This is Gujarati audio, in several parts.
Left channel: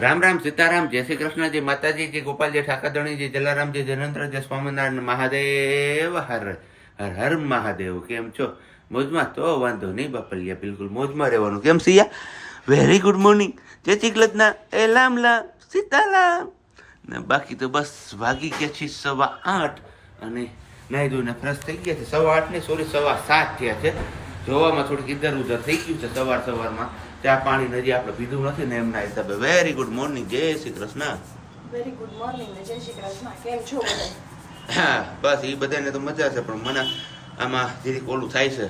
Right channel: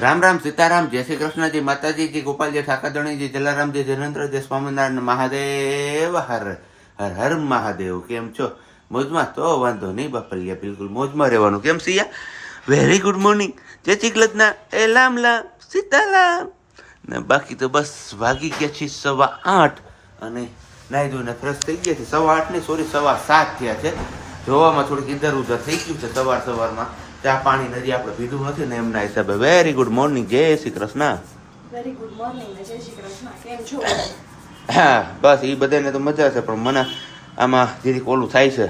રામ રામ સીતારામ, જય શ્રી કૃષ્ણજી, માતાજી, જય ગોપાલજી, ઠાકરધણીજી, જલારામજી, જયનંદ્રજી, સ્વામિનારાયણ મહાદેવ, હર હર હર મહાદેવ. કેમ છો? મોજમાં? તો વાંધો નહીં બાપલિયા, બિલકુલ મોજમાં રહેવાનું. કેમ સિયા? વેરી ગુડ મોર્નિંગ, જય શ્રી કૃષ્ણ, એ લામ લામ સીતારામ. ને બાકી તો બસ વાગી ગયા છે 8:15 અને નાહી ધોઈને ફ્રેશ થઈ ગયા છે. 8:15 નહીં, સોરી 7:15 થયા છે. જોવામાં થોડીક ઇધર ઉધર થઈ ગયું છે સવારમાં. ચા પાણી નદી આપણે પીધું નથી ને એમના હિસાબે. વેરી ગુડ મોર્નિંગ, જય Shri Krishna. Very good morning ને જય શ્રી કૃષ્ણ. કેમ છો? હા બસ એ બધાને તો મજા છે, પણ મને આમાં જેથી ઓલું થાય છે.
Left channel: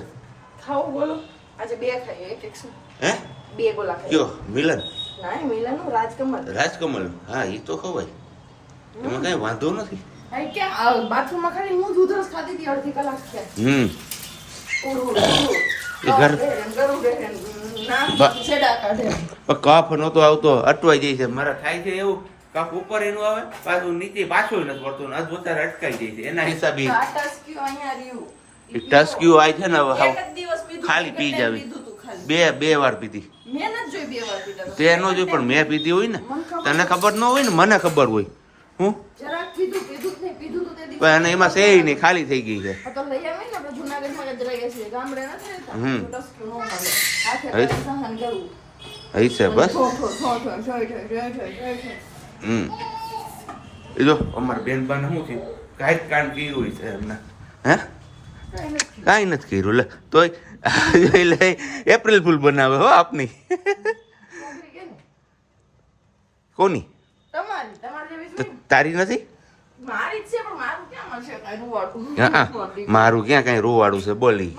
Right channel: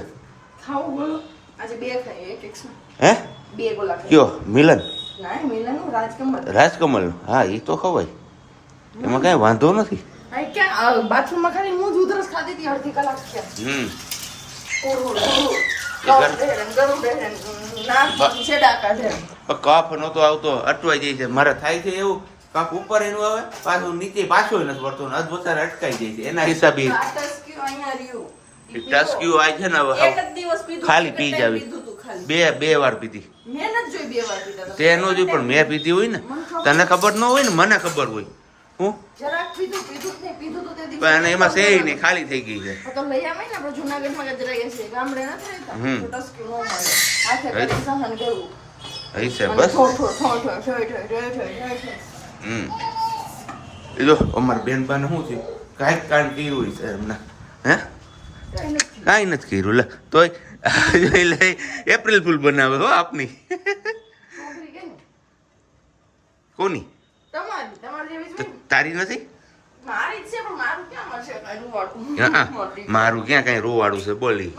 ખાવું બોલો. આજે બે ખાઈ, એક શું? હે? બે ગોલા ખાઈ. કયો? મિલન? ના, મિલન રાજકમલ. રાજકમલ? હા એ તો ખવાય, એમાં કઈ વાંધો નથી. ભાઈ ક્યાં બાથરૂમમાં ખાલી હું જ ઉધરસ ખાધી હતી અડધી કલાક થયા. કાફ નતો આવતો, અટવાઈ જાય છે. મારે થાય છે એવું, કાફ ઉપર એનું આવે પાછું નીચે પાછું નથી પડતું, અધવચારે અટકાઈ જાય છે. એના હિસાબે ટસ્ક્યુ આ છે ને હવે ખાલી પી જાવી. બે વાર પીધી. તેનો જોઈ, પણ મેં પીધી હોય ને, તને ખબર ન હોય ને, મને ખબર હોય. હું અને એમાં છે નહીં, ખાલી થઈ ગઈ છે. એ જો અમારા બેનબાને શું થયું, કાંઈક કામ કર્યું છે એમને. હે? કાંઈ નથી કર્યું. લે તોય લે એપ્રિલ ફૂલ બનાવે હો આપની. કોની? તારી નથી? મારું ક્યાં કઈ રોવાડું છે? બોલી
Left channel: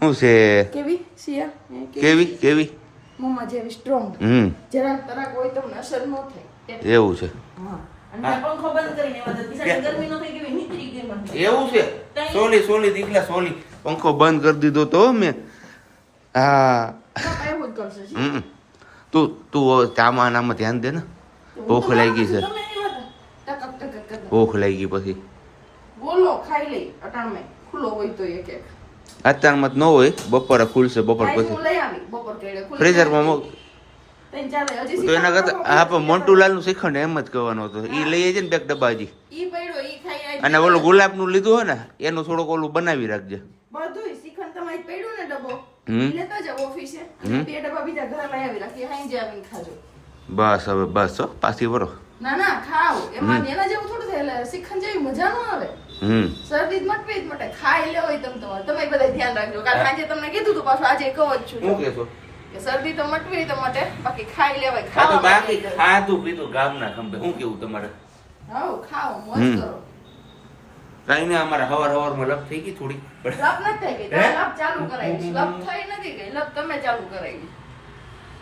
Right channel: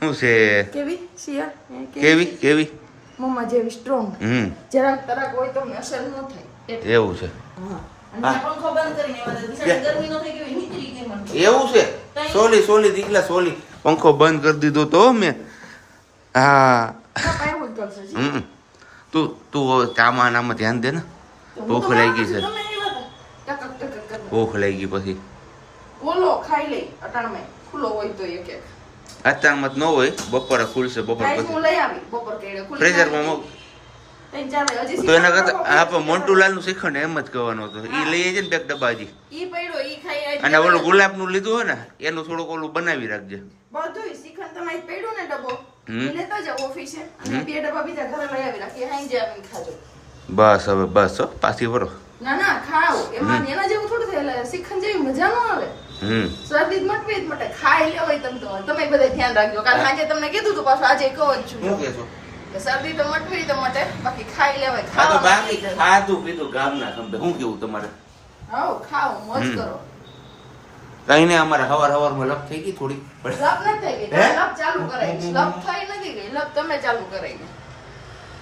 શું છે? કેવી કેવી મમ્મા જેવી સ્ટ્રોંગ. જરાક તરાક હોય તો અસર ન થાય એવું છે. એવું છે? સોલી દીકલા સોલી પંખો બંધ કરી દીધો તો મેં. હા તું ચામાં આમાં ધ્યાન દે ને. ભૂખ લાગી છે, ભૂખ લાગી. પછી બોલો ખાઈ લઈ. અટાણમાં ખુલ્લો હોય તો એક એક. અત્યારમાં જ ન હોય, બપોરે ખુલશે. બપોર પછી ફ્રીઝરમાં તો એના કરતા આપણે મોન્ટુલાલ નું શ્રીખંડ એમ જ કહેવાનું હતું. એ લઈ જાય ને બે ડબ્બા હજી. અને ઓલું ગુલાબ નું લીધું હોય ને, એનું થોડુંક ઓલું બનાવી રાખજે. બધું શ્રીખંડ તમારી પડ્યું ને ડબ્બો લેતા જાવ ઓફિસે, અને બે ડબ્બા બીજા ઘરે લઈ આવી રાખી. હાઈ જે આવીને ખાજો. બસ હવે બસ હો, પાછી વરો. ના ખાવ. એમાં એના જેવું થોડું થાય. શ્રીખંડ જેવી મજા ન આવે. શરદી મટવી જ મટે. ખાઈ લેવાય તમે બધા ધ્યાન રાખજો. કારણ આજે તમને કીધું તું, પાછું આજે કહું જ છું. શું કહેશો? શરદી તો મટવી તો મટે, બાકી ખાઈ લેવાય. હા તો બાકી ખાધું પીધું ગામના ખંભે. શું કેવું તમારે? હાઉ ખાઓ, મોજ કરો. કઈ નહીં, અમારે હવારમાં લપ થઈ ગઈ થોડી. લપ નથી થઈ ગઈ, લપ ચાલુ કરાઈ. લપ થઈ નથી ગઈ, લપ તમે ચાલુ કરાઈ.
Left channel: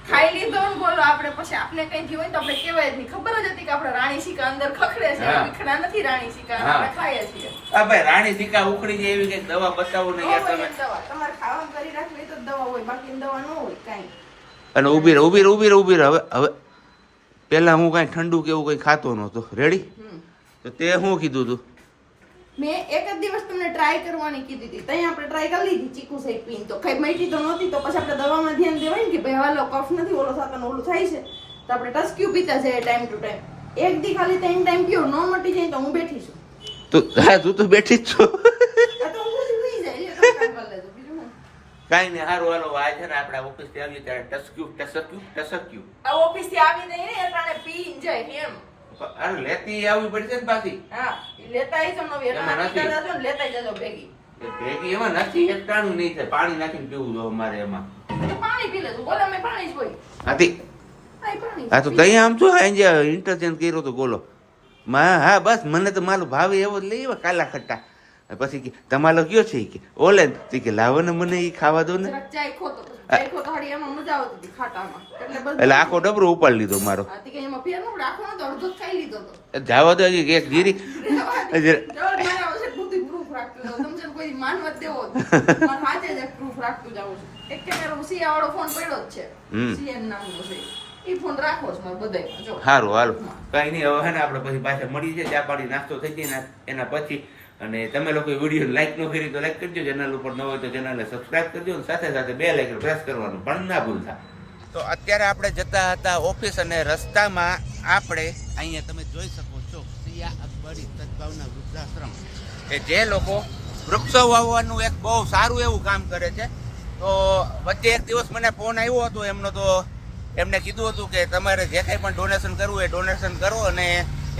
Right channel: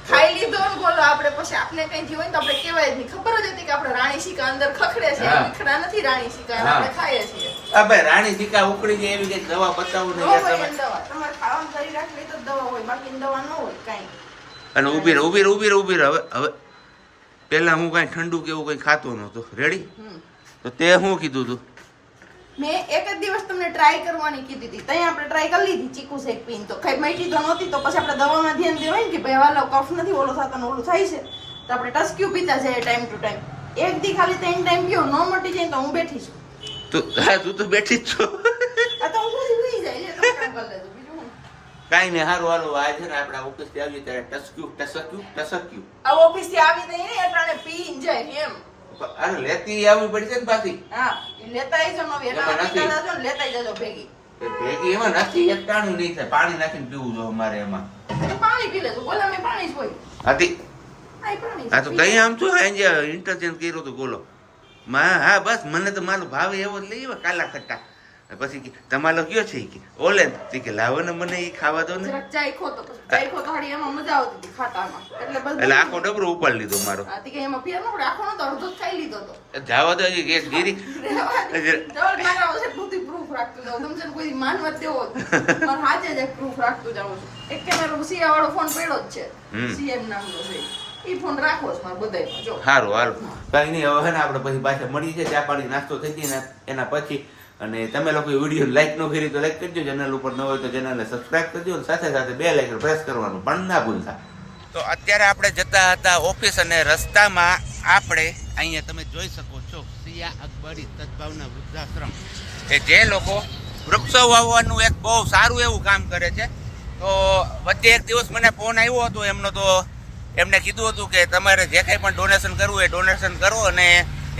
ખાઈ લીધો ને બોલો આપણે, પછી આપણે કઈ જીવ હોય તો આપણે કહેવાય જ નહીં. ખબર જ હતી કે આપણે રાણી સિકા અંદર ખખડે છે, ખખડા નથી રાણી સિકા, આપણે ખાઈએ છીએ. આ ભાઈ રાણી સિકા ઉકળી જાય એવી કઈ દવા બતાવો ને યાર તમે. તમારે ખાવાનું કરી રાખવી તો દવા હોય, બાકી દવા ન હોય કાઈ. અને ઉભી રહે. હવે પેલા હું કઈ ઠંડુ કે એવું કઈ ખાતો નતો. રેડી? તો તે શું કીધું તું? મેં એક જ દિવસ તમને ટ્રાય કરવાની કીધી હતી. ત્યાં આપણે ટ્રાય કરી લીધી ચીકુ શેક પીને, તો કઈ મટી તો નહોતી. તો પછી આપણે દવામાં ધ્યાન દેવાય ને કે ભાઈ હાલો કફ નથી ઓલો થતો ને ઓલું થાય છે, તો આપણે ટસ્ક્યુ પીતા જઈએ ટાઈમ ટુ ટાઈમ. એક દી ખાલી 3 ટાઈમ પીઓ, ન મટી જાય તો હું બેઠી છું. તું તો બેઠી જ છો. આ તો હું જ હોઈ જાય છે. તમે કામ કરી લેજો, બીજું હું. કાઈ ને હારું હાલો. આ છે ને આપણે ઓફિસ થી આવીએ ત્યારે ટસક્યુ આ ઓફિસ થી આવી દઈએ ને એટલે પીને જાય એમ. અરે લેતી આવવી પડશે ને પાછી. હા લેતા આવીજો નવી, એટલે લેતા જજો ભેગી. ભેગી એમાં નથી, એક ટાણું નહીં થાય. પાણી નાખીને પીવું જો અમારે એમાં. પાણી પી લેજો. બોલો મેં પાણી જ હોય. હા તો કઈ આમ છો ઇન્ટરચેન્જ કર્યો તો બોલો. હા બસ મને તો મારો ભાવે એવો જ લઈ કાલા ખટ્ટા. પછી તમારો કયો છે કે ઓલે કે લાવો ને મને એ ખાવા દો ને. ચાખો તો હાડી એમાં મજા આવતી હતી ખાતામાં. એટલે આખો ડબરો ઉપાડી લીધો મારો. એમાં ફેર ન પડે, આખો નતો અડધો ખાઈ લીધો તો. જાવા દો એક જીરી. પ્રૂફ રાખતું જાવ તમને કોઈ માનવા દેવો. પણ હાજે જ પ્રૂફ રાખતું જાવ છું. એક કેમેરો સિયા વાળો ફોન પડ્યો જ છે, સીએન નામનો છે. ઈ ફોન રાખો છો મારા બધાયમાં. જો સારું હાલો, કઈ નહીં. હવે ને આપણે પછી પાછા મળી જાય, ચા પાણી નાસ્તો થઈ જાય ને એના પછી. અને તમે લોકો વિડીયો લાઈક ન કરી તો લાઈક કરજો, ચેનલ ઉપર ન હોય તો ચેનલને સબસ્ક્રાઇબ કરજો, અને સાથે સાથે બેલ આઇકન પ્રેસ કરવાનું પણ ના ભૂલતા. તો અત્યારે આપણે જતા હતા ઓફિસ અને રસ્તામાં આપણે અહીંયા તમે જોઈ શકો છો સિયા અકબરી સદભાવના વૃદ્ધાશ્રમ કે જે લોકો વૃક્ષો વાવવાનું એક બહુ સારું એવું કામ કરે છે. તો વચ્ચે એક દિવસ મને ફોન આવ્યો હતો એમનો, તો એમને કીધું હતું કે તમારે જે કંઈ પણ ડોનેશન કરવું એ ડોનેશન કરો અને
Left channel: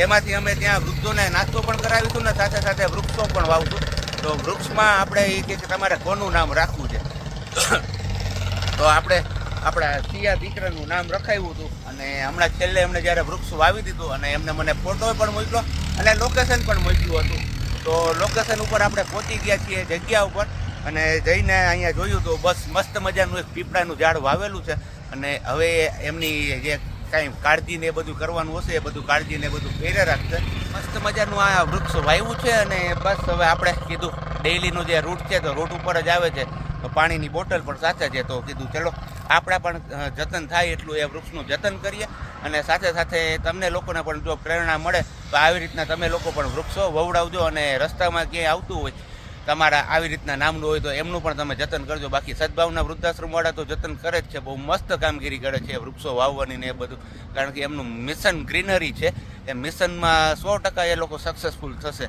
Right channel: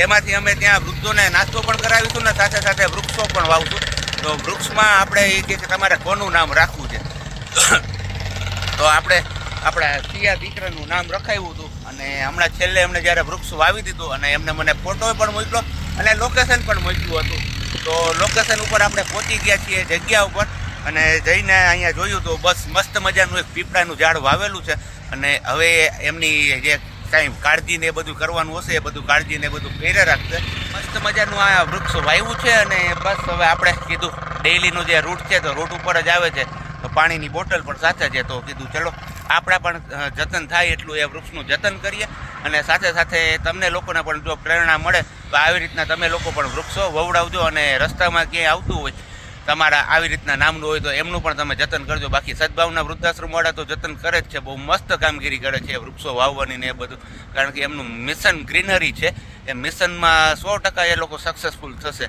એમાંથી અમે ત્યાં વૃદ્ધોને નાસ્તો પણ કરાવીશું ને સાથે સાથે વૃક્ષો પણ વાવશું. તો વૃક્ષમાં આપણે એ કે તમારે કોનું નામ રાખવું છે તો આપણે આપણા સિયા દીકરાનું નામ રખાવ્યું હતું અને હમણાં છેલ્લે એમને જ્યારે વૃક્ષ વાવી દીધું અને એમને મને ફોટો પણ મોકલ્યો અને લોકેશન પણ મોકલ્યું હતું. તો લોકેશન ઉપર આપણે પહોંચી ગયા છીએ જગ્યા ઉપર અને જઈને અહીંયા જોયું તો બસ મસ્ત મજાનું એક પીપળાનું ઝાડ વાવેલું છે અને હવે એમની જે કાંઈ કાળજી ને એ બધું કરવાનું હશે એ બધું કાળજી ને એ બધું કર્યા રાખશે. મસ્ત મજાનું આ વૃક્ષ વાવ્યું છે અને બસ હવે આપણે કીધું ડેઈલીનું જે રૂટ છે તો રૂટ ઉપર જ આવે છે તો પાણીની બોટલ પણ સાથે છે. તો કીધું ચલો આપણા પણ જતન થાય એટલું એ વૃક્ષનું જતન કરીએ અને સાથે સાથે તમને લોકોને પણ જો પ્રેરણા મળે તો આવી રીતના તમે લોકો પણ વૃક્ષો વવડાવજો અને રસ્તામાં ક્યાંય આવતું હોય તમારા આવી રીતના નામનું હોય તો એમનું પણ તમે જતન કરજો. બાકી સદભાવના વૃદ્ધાશ્રમવાળા તો જતન કરે જ છે, બહુ મસ્ત કામગીરી કરે છે વૃક્ષો વાવવાની ને એ બધું, કારણ કે એમનું મિશન ગ્રીનરી છે. એ મિશનમાં 100% એ લોકો સક્સેસફુલ થશે.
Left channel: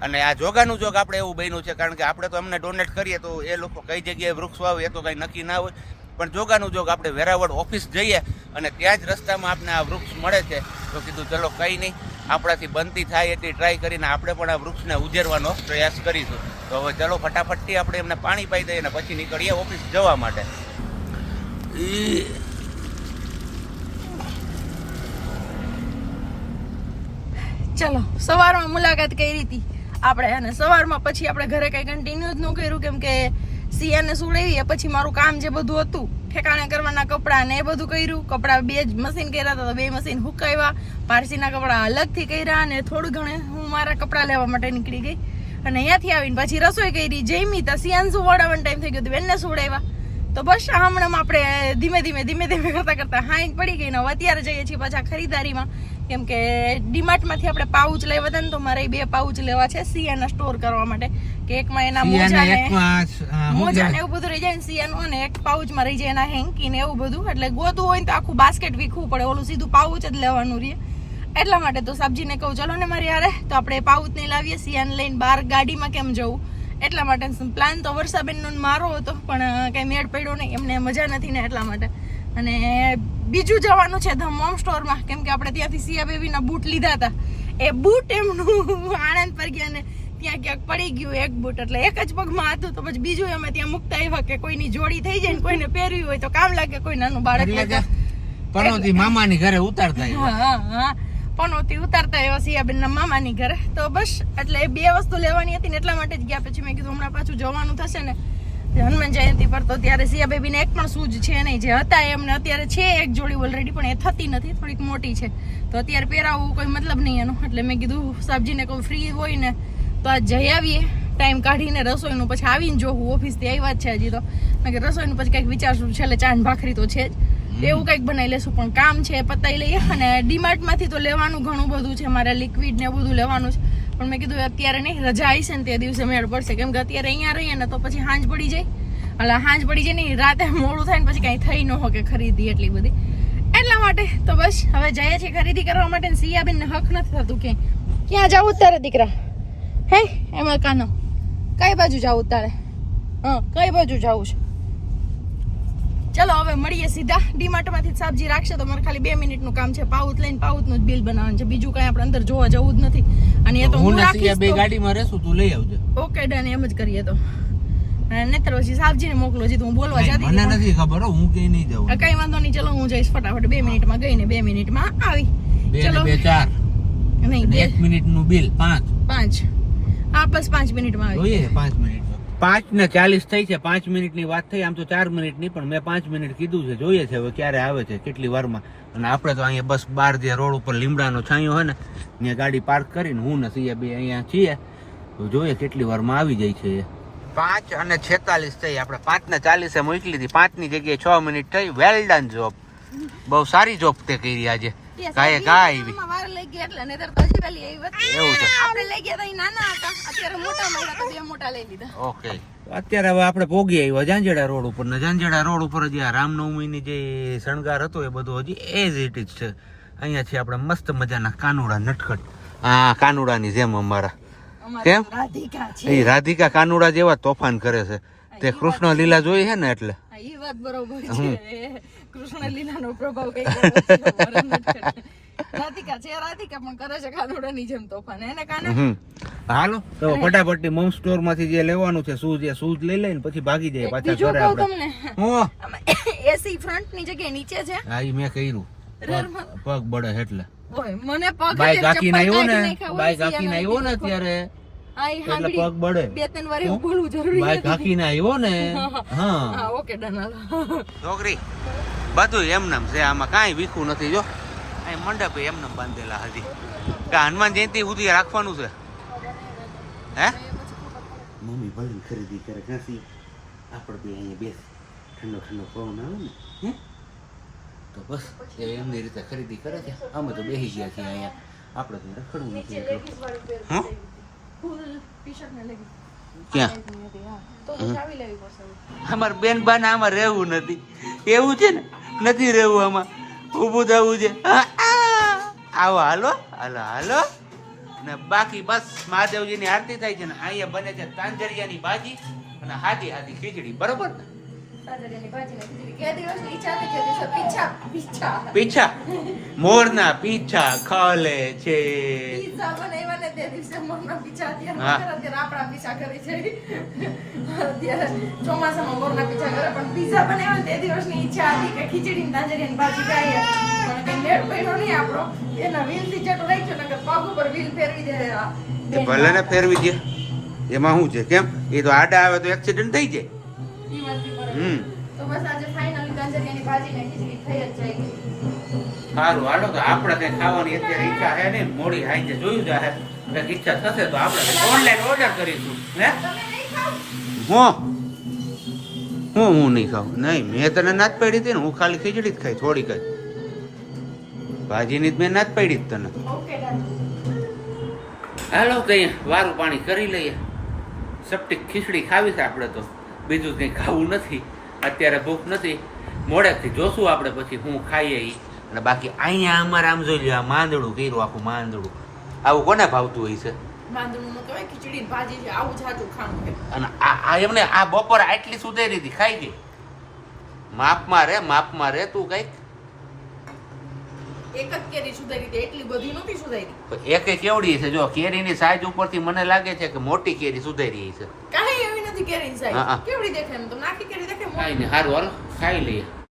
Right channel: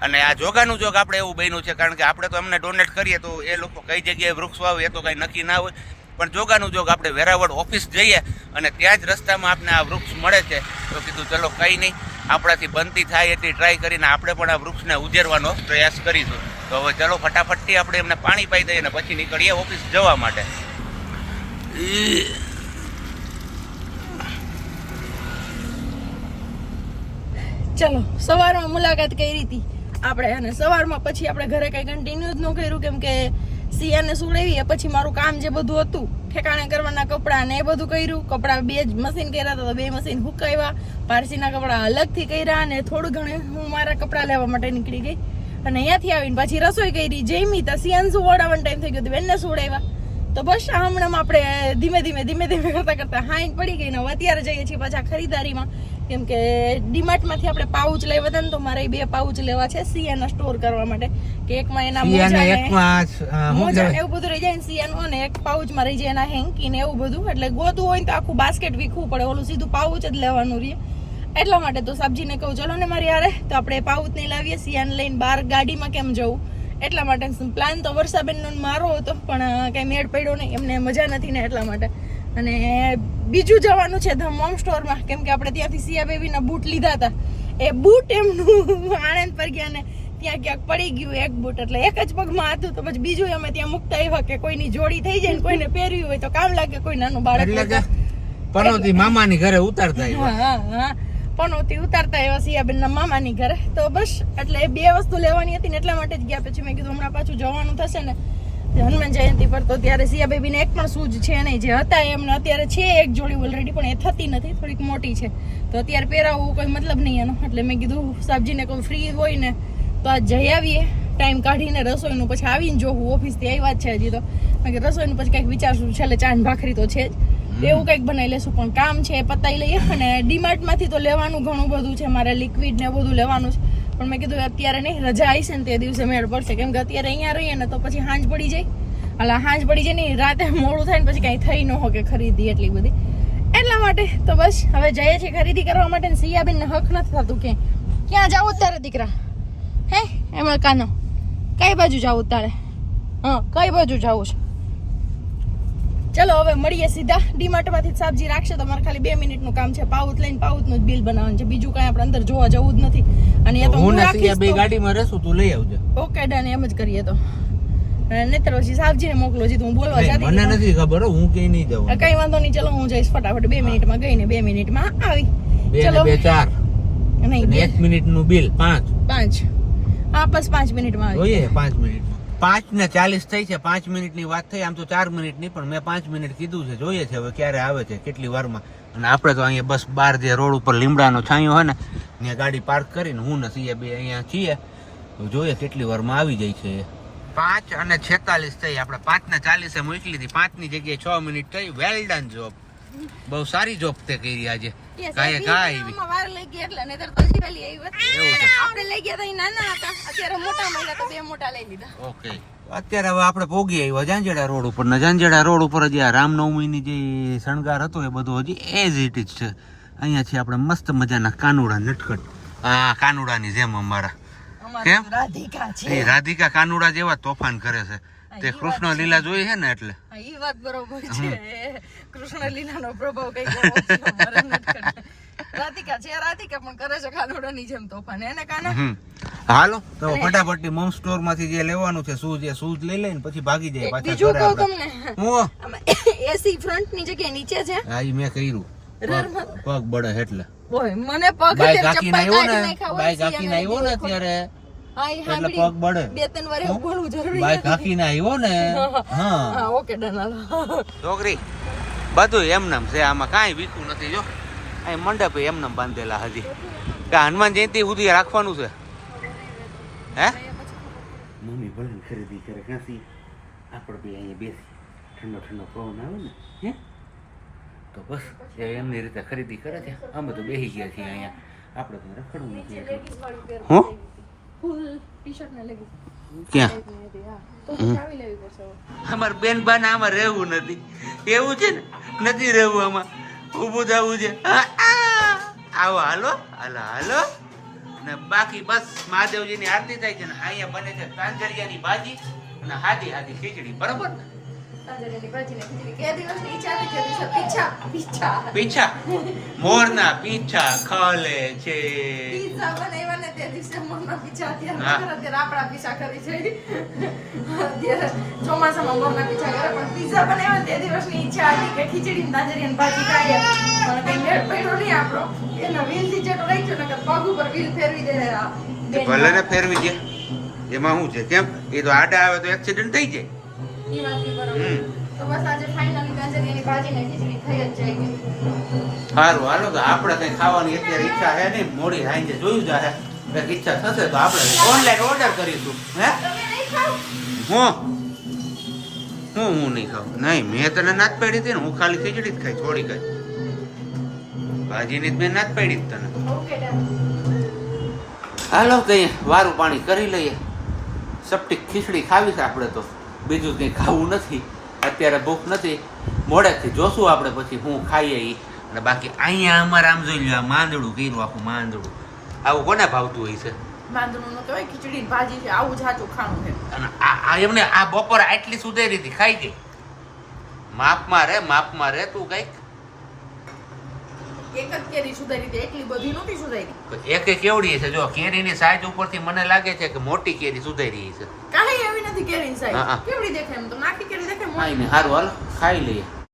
અને આ જોગાનું જોગ આપણે એવું બન્યું છે, કારણ કે આપણે તો એમને ડોનેટ કરીએ તો એ લોકો કઈ જગ્યાએ વૃક્ષ વાવે એ તો કાંઈ નક્કી ના હોય, પણ જોગાનું જોગ આપણે વેરાવળ ઓફિસ જઈએ અને ત્યાં જ રસ્તામાં આપણે આ વૃક્ષ મળે છે. તો કીધું ચલો કંઈ નહીં, આપણાથી બનતી થાય એટલી ટ્રાય કરીને આપણે પણ આ વૃક્ષને ઉજેરવાનો પ્રયાસ કરીશું. તો હવે ચલો ફટાફટથી આપણે એમને પાણી પાઈ દઈએ અને પછી નીકળીએ ઓફિસ જવા માટે. ચલો સવારમાં મુલાકાત કરી હતી આપણે અને સવારમાં પછી આપણે ઘરે કઈ કન્ટિન્યુ જ ન કર્યું, કેમ કે સિયાને સુડાવી પછી મારું કામ જે બધું હતું ઠેકાણે કરવાના કપડાં ને એ બધું કર્યું. કપડાં 2 મશીન કર્યા હતા તો 2 મશીન હુકાવ્યા, પારસીના કપડાં અલગથી કર્યા અને થોડું ઘણું હું મારા કપડાં લેવા માટે નીકળી ગઈ અને અહીંયાથી આવીને પછી રસોઈ કરી, જમી તો સિયાને સુવાડવાનો ટાઈમ થઈ ગયો, બેનને સુવડાવ્યા. તો બસ હમણાં આપણે ધીમે ધીમે કરતા હાઈન પડી ગઈ ને અત્યારે જઈએ છીએ પાછા ખરીદારીમાં, કેમ કે ડીમાર્ટમાંથી આપણે પાઉચ લેવા હતા ને તો મારે 2 પાઉચ લેવા છે સિયાના સ્ટોર કરવા માટે, કે એકમાં એના મોજા ને એવું બધું રહી જાય ને સિયાનું, અને એક પાઉચમાં રહી જાય એના હેન્કી ને એવું બધું. એટલે ગોતું હોય ને તો આખું બાસ્કેટ વીખવું પડે, ઓલું સીધું પાઉચ જ લેવાનું રહે. એટલા માટે તો સબ્જીને કહું ચલો ને મારી યારે તો આપણે પાઉચ નહીં લાવીએ, સિયાને લઈને બહાર ગાડીમાં કેમ જવું, એટલા માટે પ્લાન તો વર્ષાબેનનો મારો હતો પણ કઈ મેળ પડ્યો નહીં, એમને મજા નથી ને એટલા માટે. અને બીજું જવાનું છે ધ મોમ સ્ટોરમાં, કેમ કે આપણે ત્યાંથી સિયા બેબીના બૂટ લીધા હતા, એ બૂટ એમનું આણંદ પર ગયા ને ત્યાં ક્યાંક પડી ગયું એક બૂટ, એટલે એક જ પગમાં હતું. તો પછી બીજું અમે ત્યાં મૂકતા આવ્યા કે કોઈની જોડી થઈ જાય ને કોઈને પહેર્યું હોય તો કામ લાગે, કોઈ નાનું બાળક પનોતી મામાની ઘરે ઉતારતા. હા પનોતી ઉતારતા એવા સિયાબેનના મામાની ઘરે. તો બસ એટલે 2 વસ્તુ લેવાની હતી ને એટલા માટે જ ગયા. પછી મેં કીધું હમણાં પાછું જવાનું થશે ને હનુમાન જયંતિ પર, તો ત્યારે સિયા બેબીને એક પણ સૂજ છે નહીં, જે હતા એમને અત્યારે છે એક જોડી ઓલરેડી પણ એ થતી નથી, થોડીક મોટી છે તો અત્યારે પહેરાવવું કોઈ મતલબ નહીં એનો. એટલે મેં કીધું સબ્જીને કોઈ ફ્રી હોય ને તો આ જઈ આવીએ ટાઈમ કાઢીને રસોઈનું, પછી આવીને જોવું ઓફિસથી આવ્યા જ છે હજી તો, કારણ કે રસોઈનું પછી કંઈક વિચારશું, છેલ્લે ચાંદ ભાખરી તો છે જ, એવું કંઈક બનાવી લેશું. પણ કામ છે એ પતાવી લઈએ. અને ડીમાર્ટમાંથી તો લેવાનું ઘણું બધું છે, મારે લિક્વિડ ને બધું લેવાનું છે, પણ મેં કીધું અત્યારે નહીં, રજા આવી છે ને તે દિવસે મેળ પડશે, કેમ કે અત્યારે અહીંયા રહીએ ને તો પછી હાંજ પડી જાય, એટલે હાંજ પડી જાય નહીં, રાતે મોડું થાય ને પછી કાંઈ થઈ ન હોય કે ખરીદી એટલી બધી. એટલા માટે તો બસ હવે જઈએ છીએ ખરીદી કરવા માટે. સિયાબેનને હક નથી થતું કે ક્યાં જવું તારે દીકરા, હે એમાં કાનો કઈ બાજુ જવું તારે, હા કઈ બાજુ જવું છે. ચલો હવે મળીએ સીધા ડીમાર્ટમાંથી સબ્જી રાખશે તો મારે ખાલી 2 મિનિટનું કામ છે, પાઉચ લઈને પાઉચનું જ બિલ બનાવવાનું છે, બીજું કઈ આપણે અંદર જોવા જવું જ નથી. અને એ તો હું રાખીશ, 2 ગાડીમાં રહેશું, તું લઈ આવજો. ઓકે ડન, એમ જ કરીએ. તો નહીતર પછી સાબજીને મોકલો, જીતું હું બોલવા જતી મને નથી ખબર, હું કઈ નહીં જાઉં. કઈ વાંધો નહીં, ચલો હું જઈશ ફટાફટ, 2 મિનિટમાં ગઈ ને 2 મિનિટમાં આવી. 2 ને 2 4 નહીં, 1 મિનિટનું બિલ 5 હા બસ 5 મિનિટમાં આવી જોઈએ. 5 મિનિટમાં 5:40 થઈ છે, 5 મિનિટની વાત થઈ, આમ તો 4 મિનિટની, પણ મેં 5 મિનિટ કીધું છે, જોઈએ છે હવે ક્યારે આવે છે, કેટલી વારમાં. અને આપણે તો અહીંયા બસ બહાર જે રોડ ઉપર લીમડાનો છાંયો હોય ને ત્યાં ગાડી પાર્ક કરીને હું ને સિયા બે અહીંયા છીએ, તો જોઈએ કેટલી વારમાં આવી જાય છે. 5:46 થઈ, આપણે 5:40 મોકલી હતી, 5 ની જગ્યાએ 6 મિનિટ થઈ. વેલ ડન જોબ, બહુ સારી જોબ તે કરી આજે. વાર લઈ ગયા એટલે નહીતર તો હજી પહેલી આવી હોત. આપણે લઈ ગયા તો નાના હતા, અત્યારે મોટા મળ્યા તો 2 મોટા લઈ લીધા. ઓકે અત્યારે હવે આપણે પોગી આવ્યા જાંજેડા રોડ ઉપર ને જાંજેડા રોડ ઉપર હજી આ રામનવમીની જે શણગાર હતો એ બધું હજી એઝ ઇટ ઇઝ છે. અહીંયાથી આપણે મસ્ત મજાના કાનુડા નટખટ આ કાનુડાની જેમ અમારા કેમ રાધિકા છે એ રાધિકા કાનુડા જેવા તોફાન કરે છે તે કૃષ્ણ લીલા જોઈ છે ને એટલે એ વાત બરોબર છે કૃષ્ણ લીલાનો પ્રભાવ કઈ રાધિકા છે રાધિકા પણ કરે છે કાનુડાની જેમ તોફાન એને કાને હાલો તો ફટાફટ મોમ સ્ટોર માંથી જે લેવાનું છે શૂઝ એ શૂઝ લઈ લઈને પછી ભાગી જાય પાછા ઘરે આપણે હું એસી ફ્રન્ટ ની જગ્યાએ નીચે છે હા ઈ મેં કર્યું પગ બળે એટલે ઓય મને પગ બાઈક હાકીને આવ્યો ને બાઈક હાકીને આવ્યો ને ત્યારે એટલે પગ બળે બે ત્રણ વાર એવું બોલવું જરૂરી બાઈક હાકીને આવ્યો ને હા ઓકે ડન હાલો છોકરી બધું એમનેમ છે આમાં કાંઈ વીખું નથી જો અહીં મંડપે એમનેમ બાંધેલા હજી કે હનુમાન જયંતિ સુધી રાખવાનું છે હે મમ્મી ભલે ખરીદી કરે કાંસી આપણે બે અહીંયા બેસી ઠંડો ઠંડો પવન આવે ને હે તો બસ એ એમની રીતે ખરીદી કરે છે અમે તો બેસી ગયા છીએ અહીંયા આપણે તો રખડવું નથી એટલું ફૂલ ટી-શર્ટ ને લેગી ક્યાં તો પછી આવી લેવી પડશે અમાર બેન બાને આમાં રહેવું નથી એવું છે ને નથી રહેવું આમાં ઊભું થવું છે આવો હાલો હાલો હાલો ને બાકી બસ મહાદેવજીની આરતી થાય છે ને અહીંયા બને છે તાંજરિયાની ભાજી અને હાદી હાદી ખીચડી બરોબર તાજરિયાની ભાજી ને ખીચડી કે દિવસની ઈચ્છા હતી કે દિવસે પીછા પીછા પીછા મોરના પીછા ખાલે છે પીઝા બનાવ્યા ને તે દિવસે મોરના પીછા અત્યારે આપણા પીછા કરી છે અત્યારે ચોમાસામાં મોરના પીછા કરે પણ પીઝા બનાવ્યા તે દિવસની ઈચ્છા હતી કે ખીચડી ને તાજરિયાની ભાજી ખાઈએ પણ કઈ મેળ પડ્યો નહીં આપણો એના વ્હીલ થી ચટો રાખ્યો નકર પગ ઉપર વ્હીલ ફેરવી દે ભલે ને ફેરવી દે એમાં શું છે કેમ એ તો આડા આવે તો એક્સિડન્ટ થઈ જાય ઈ વાત બી બરોબર તો બસ આજે ફાઇનલી તાજરિયાની ભાજી ને ખીચડી થઈ જ જાય સારું હાલો તો આપણે કઈ ખાવાની અત્યારે ઈચ્છા છે નહીં મોડી આઈને જોયું જાય કઈક ઈચ્છા થશે તો આપણે ઓનલાઈન ઓર્ડર કરીશું હે હું નહીં ખાઉં નહીં મેં તને ના જ પડી હતી ને હું ખાલી ખીચડી જ ખાઈ થોડી કઈ ભાજીની જ મેં ના જ પડી જ તને ઓકે ડન હાલો તો વારું પાણી કરી લઈએ સપટી ખીચડી ખાવી છે આપણે તો બીજું કંઈ ખાવું નથી અત્યારે ભૂખ નથી મોડેકથી જોશું આપણે પછી હું ખાઈએ ઈ અને બાકી અહીંયા અમારે આમ જોઈ લ્યો આ માંદડું કર્યું આખું માંદડું આવું કોને ભાવતું હોય છે માંદણું નો કહેવાય ખીચડી ભાજી છે આવું જાજુ ખાવું છે અને આ એમને આ બપોરે આટલી સુધેરી હતી ખાઈ ગઈ માપમાં રે તું કઈક એક જ કેરી સુધારી હતી એટલી બધી નહોતી સુધારી એક કેવડી છે જો કેરીની સાઈઝ ઉપરથી મને લાગે છે કે મોટી કેરી સુધારી છે કાંઈ એવી નથી કેરીની હા, હા. સાઈઝ કેવડી દેખાય એમ તો નાખી કેરી દેખાય ખાઈ ને સારું હાલો ખાઈ લઈએ